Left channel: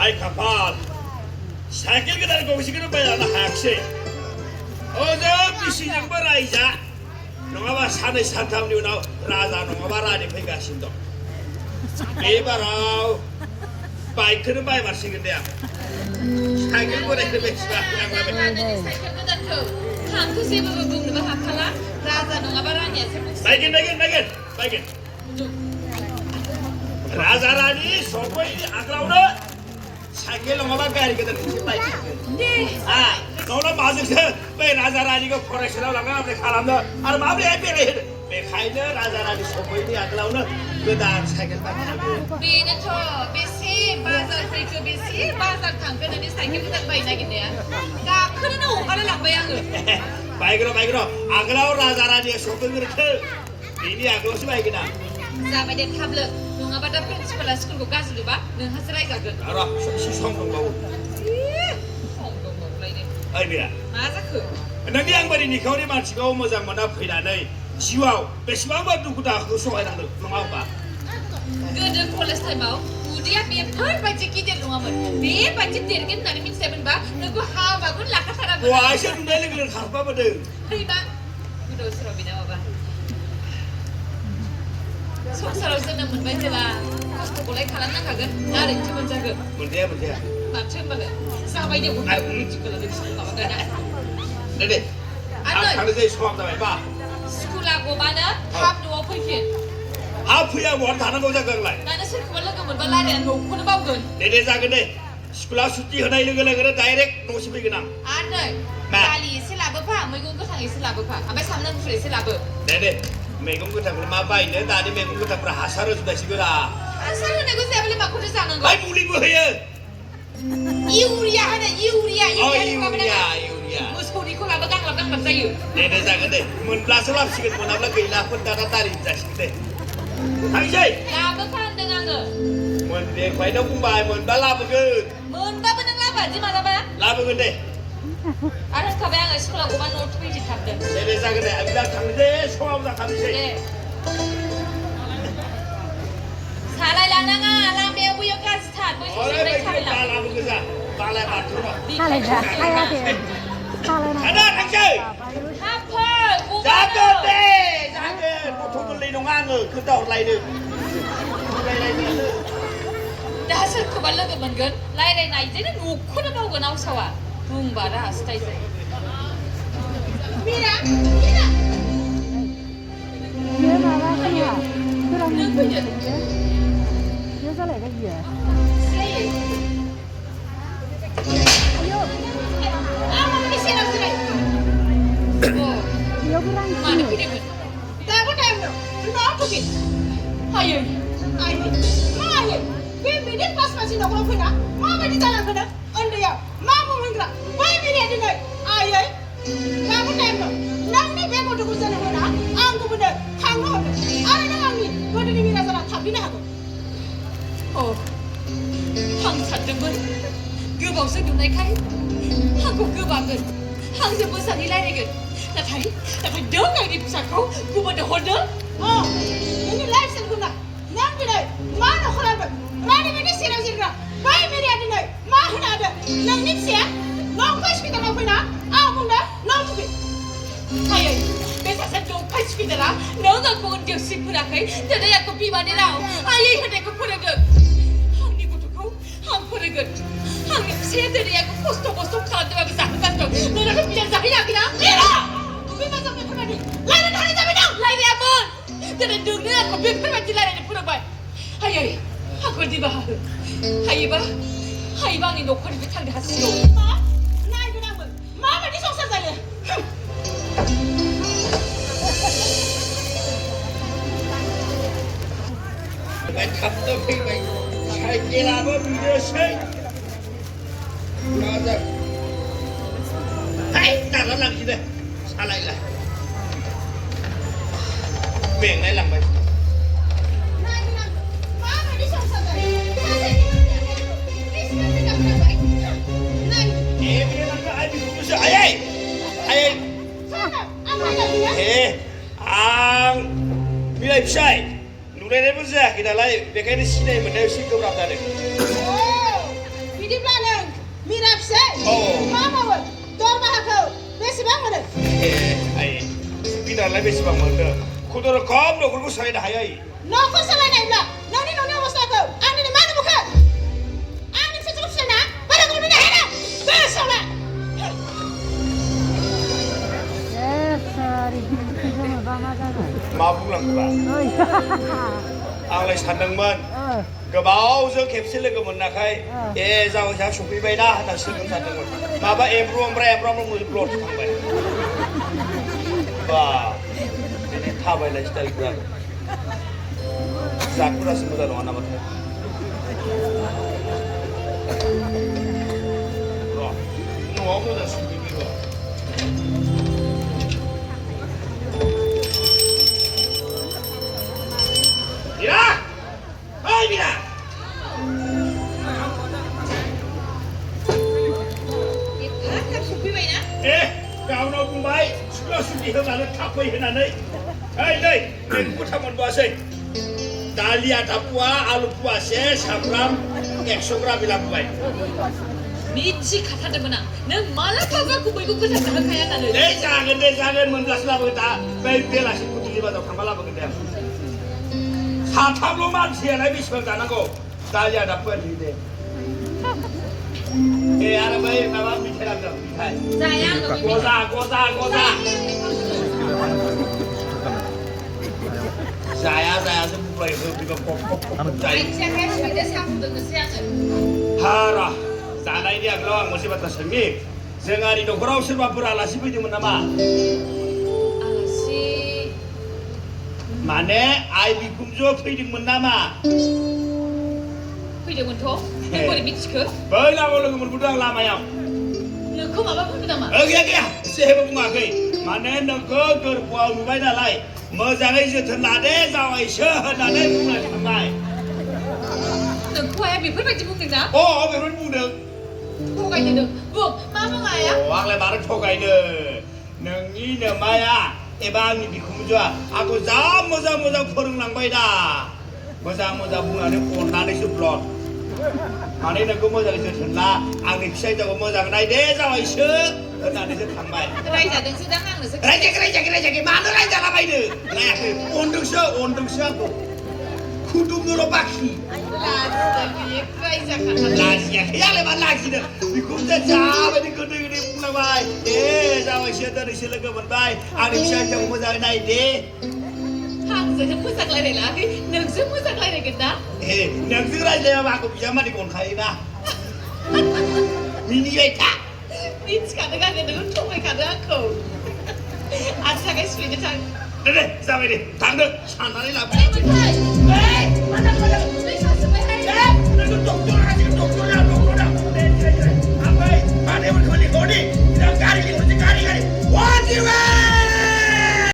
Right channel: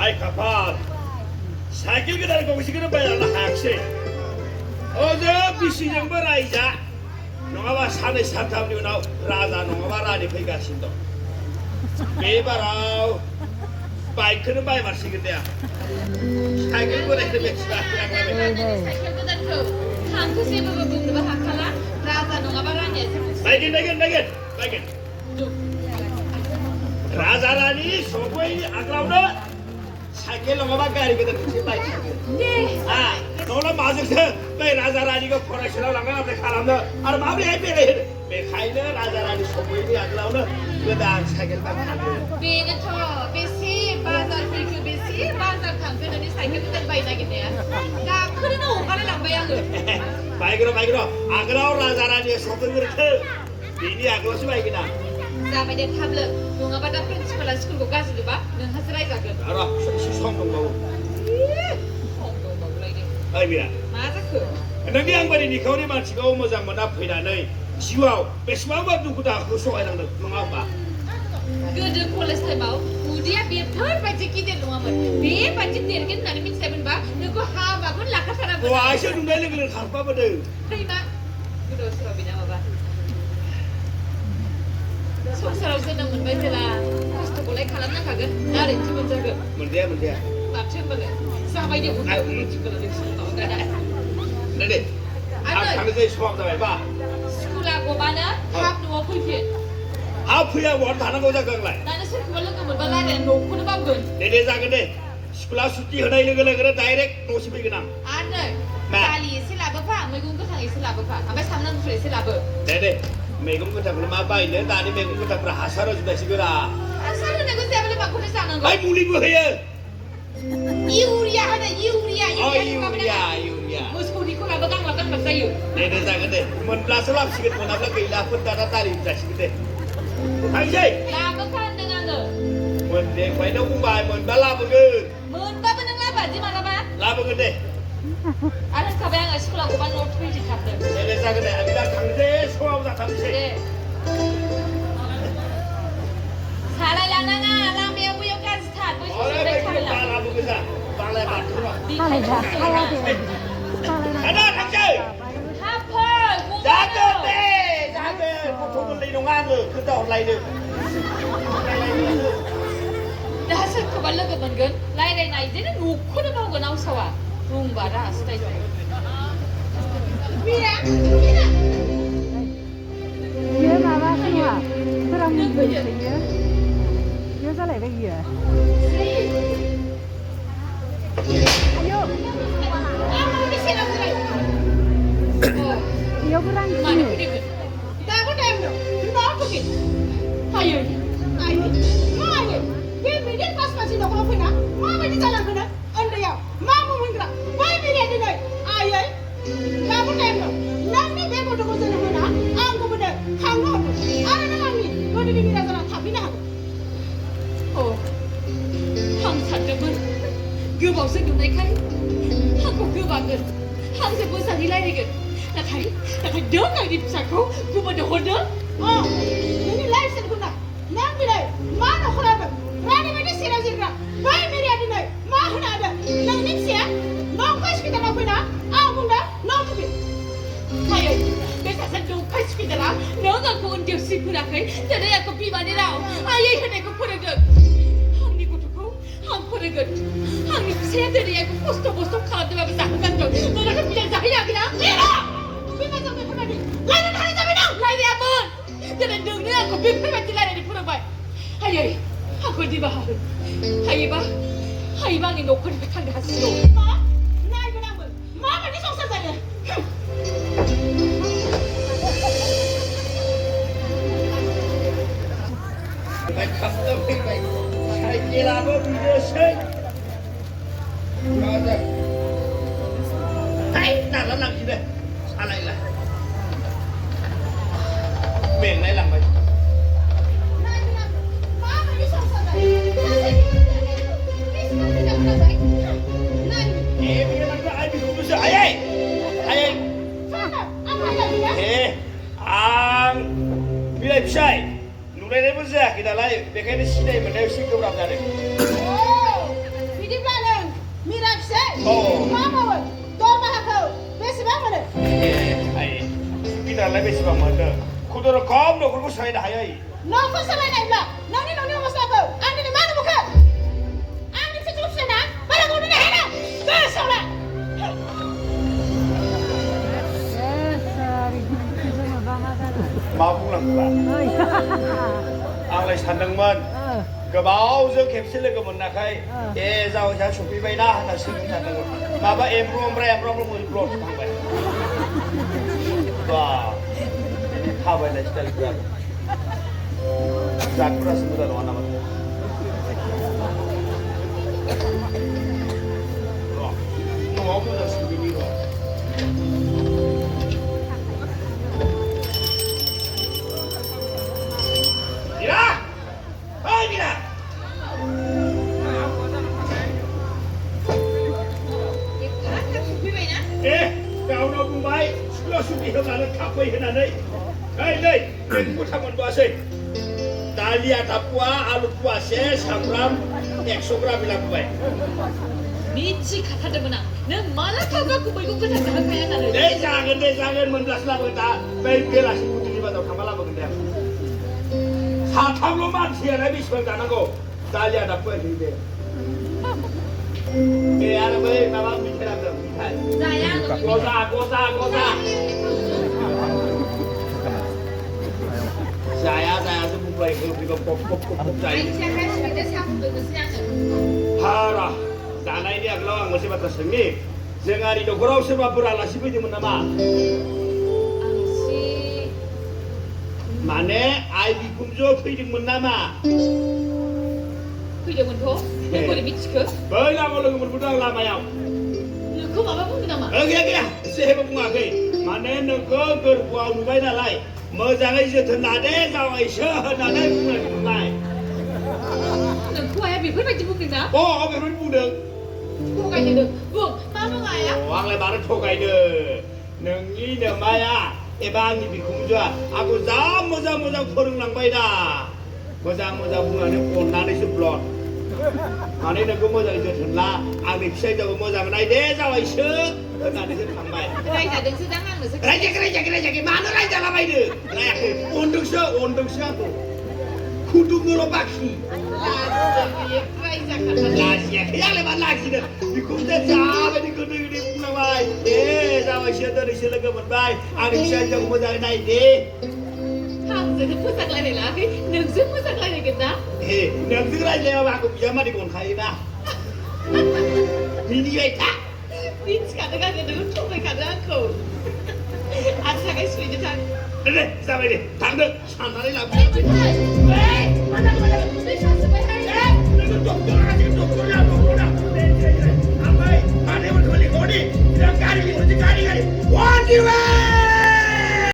아이 가판 사길 그날 공식으로 빼야나 학생 어차피 시정벌 아이자 너가 산에 산탐리 나 라자 너가 라니 페가신도 매바라 바이크는 바이 마시겠네야 사길 보내 그래 바이긴 라자라니 소고이 아까우나 사길 너가 가리거든 네 너는 맞으서 왜 라자라니가 코렉션을 나가는데 가람다 아르 마음이 해피래 왜 가이는 라자라니 소고이 아까우나 그다 사길만 be는 저 비시 바जार 프리크 비시 바जार 당근은 사이클 부탁 바이나겠네요 나 그러는 오가를 낭바야그 바이그로 아까우 라자라니 소고이 그렇게 비니 아까우시 바이기나 sampai dia tablet mengapa dah principal school buka sedua dengan hasil raja 알아 시성 건가고 아이 미라 masa ke 너네 양반이 니 거리 말치가 오모자 뭐나 피라네 지와 베스마바 누구다 그 소아랑 너가 gede kolesterol mau dia biar baca kita rumah dia baca tergen nari min seven ba naku hawa kun lakar sana 와 아시아 눈에 그걸 가봐 보드 terima gede serau bina apa serau sedang membaca lah aku boleh kalangan kagak dari cuma jaga 문제야 baca banget sampai dia buka juga lagi sama gak ada 네네 가르쳐 수업도 해봐 sekolah gua mana hap dua pujian 아프야 원 하는 거자 그런 거야 나는 실컷 말로 그만 발라내 놓고는 밥은 네네 작은데 스쿨아 수티 하나 이런 거래 그래 다이렉트 노시비기나 안돼 kali silaba pa mai gung ko thang silaba pa abai samna mu silaba 네네 매금 그 잡으러 마바이네 나니 매금 그 잡으러 하사로 주다 시거라 asal nego sebeli mak kudu sana 마이 물리 뭐해요 iuria hana iuria 이우리야 muskudi ko labakan sayu 네네 작은데 문 플라스랍 시거 문 앞라 그일라 군 따라 따리 자식인데 당신 labakan dengan lo 문내 과이도 공부해 문 발라 먹은 mun ba benang laba di mana ba 라먹은데 ada kabang sekolah ko ban not page chapter 네네 작은데 아비다 당제 소아보다 당제 사라 lananga lamia bu yo class start bu 어라 이거 발라 먹으자 발라 맞더라 살아야 돼. 살아야 하나 당제 happer 작은데 보통 돌리는 안을 그다 온라인을 dasar ko balla ko bangun lai lai nai jene mu ko na ko na sawa bung bara stay stay mira nhớ mà ba cái hả? Tôi đang nhìn mình thì nhớ ra lại cái gì à? Ayo, nhớ cái răng mana gì? ke dia tak ada no no apa ke ayo we minit pas masih nak apa nak mama di jalan kana anda ya mama mengira we minit ni ayo kamu temu nang ni bego do jalan kana angku benda kamu ana nang ni do di ni rasa tapi nak oh hang sat dengan gua bau sing dum nai kai aku gua bangun hang se pun sang ilai ni ke tapi dong lagi saku gua pada hodor ini license guna nang ni mana khulaba Rani mana sira bayi meri ada nak mahu nak ada nang ni siapa nang kas kita nak bina aku nak nang tu ayo besa satu kas kita lah nang aku untuk si pura kai jadi aku pi mana lau ayo kita aku pura gak hang ni kutu kau hang pura gak hang ni saya dari aku posto kalau tu aku sakit kan tu nang aku biar sakit lagi lah bima sampai pura ni lain hari tapi nang lain apa jadi dunia aku biar mati lain di pura bay ayo aku di bawah. Hai bang ni dokter itu tangga hasil. Naik kenapa? Mama ni soksa saya. Macam tu baik. Saya kira apa video saya. Ada. Hai, dah lama kita. Salah lah. Beng ni lama. Bilai pisai, nulai ni pun kita lai, bekai ni sini mana sih tu orang dah. बेसेबां मोनदों खुदुर खम न'खरखौ सोलायनो हायो न'खौ सोलायनायब्ला नोंनि न'नि अबस्थाखौ आंनिनो मा नुबोखो आंनि फिसाखौ फिसाना बारा गरमैनो हाया गोसोआवलाय Sorry, baba जागोन मा बुंनांगौबा ओइ आंलाय सानदोंमोन गोबावजों खेबसे लोगो मोनाखै ए जावैसा सफैबायना होनना सोंनो सानदोंमोन माबा एमब्रु ओमफ्राय ब्लड थांबाय बा बिदि थाबायनाय स्टाइलफ्रा जातफ्रासो मोजां नङा नामा न'आव मोजां सुबिनि र' Mira! ¡Ay, mira! गावनाव बुंबाय स्कुलाव सुटि होनानै थाब फै होनानै ओइ नै मैगंखौ थाब मोनबोआसै दालि आधा पुवा आलु पुवासे सामब्राम 100 ग्राम लाबोबाय मिथि खाथारदोंमोन आं नों माला थाबा मैगं गोथां जाहोखाया होननानै दे जागोन मोनब्लासो लाबोगोन दा बै बेलासि फुंनि बाजाराव थांबा लाबोगोन दे साथामल' मानसियालाय बेसेबां जानांगौ दालि आधा पुवा दे ए आरो बै माबा मिठाइ लाबोदों मिठाइ जाया गजा जाया जों बुंबाय होफैबा कप जायो आइथिंहाय सुइदा साहा फुदुंनोसै आङो हारा जानायनि आगोलाव आं मोनसे बाथ्रा सोंनि जोंहानि न'खराव सोरबाफोर आलासि फैदोंमोन नामा आलासि माने आइ बिखुनजो फैदोंमोन नामा फैदोंमोनथ' नों बोरै मिथिखो बै लामायाव लोगो मोनबोदों आं लामायाव नोंखौ माबा बुंदों नामा गैया जेबो बुङाखै माने नोंखौ गोरबोआव नुबाय नालाय मोजाङै जोथोन लादे जावायसो होननानै बुंनाय नोंखौ आया बेफोरबायदि बुंदों ना बेफोर बुंदों थगायदों नों बुं मा बुङा आया आंलाय मानो थगायनो नोंनि नोमाया एबा आंनि बिखुनजोआ आंखौ जा मोजां फोरोंलांबाय दा मोजां बुंनानै अननानैसो ब्लड माने नोंखौ मोजाङै जोथोन ला आंनि फिसाइखौ मोजां नायदे जावायसो होननानैसो थांबाय रायजादोंसो दां आंनोसो रायजायाखै मानो रायजालाबायनो रायाखै अनदोंसो आंखौ खुदुमनोल' बाखि लाजियाखै आंलाय मानो लाजिनो बिखुनजोआ जाबायदि गोदै बुंलांबाय जावायसो दिनैसो लोगो मोनबाय आंनि फिसाइखौ मोजाङै नायदे आंजोंनो मोजां रायलाय लायाखै नोंजों मोजां रायलायगोन ना नोंजों रायज्लायाबा आंखौ बिजामादै अनखायोना मिनिबाय था मिथिखादों आङो नोङो थगायखादों आंखौ आंनि थाखाय सुइदा थां दे जाबाय दे थांदो साननानै लाबोदो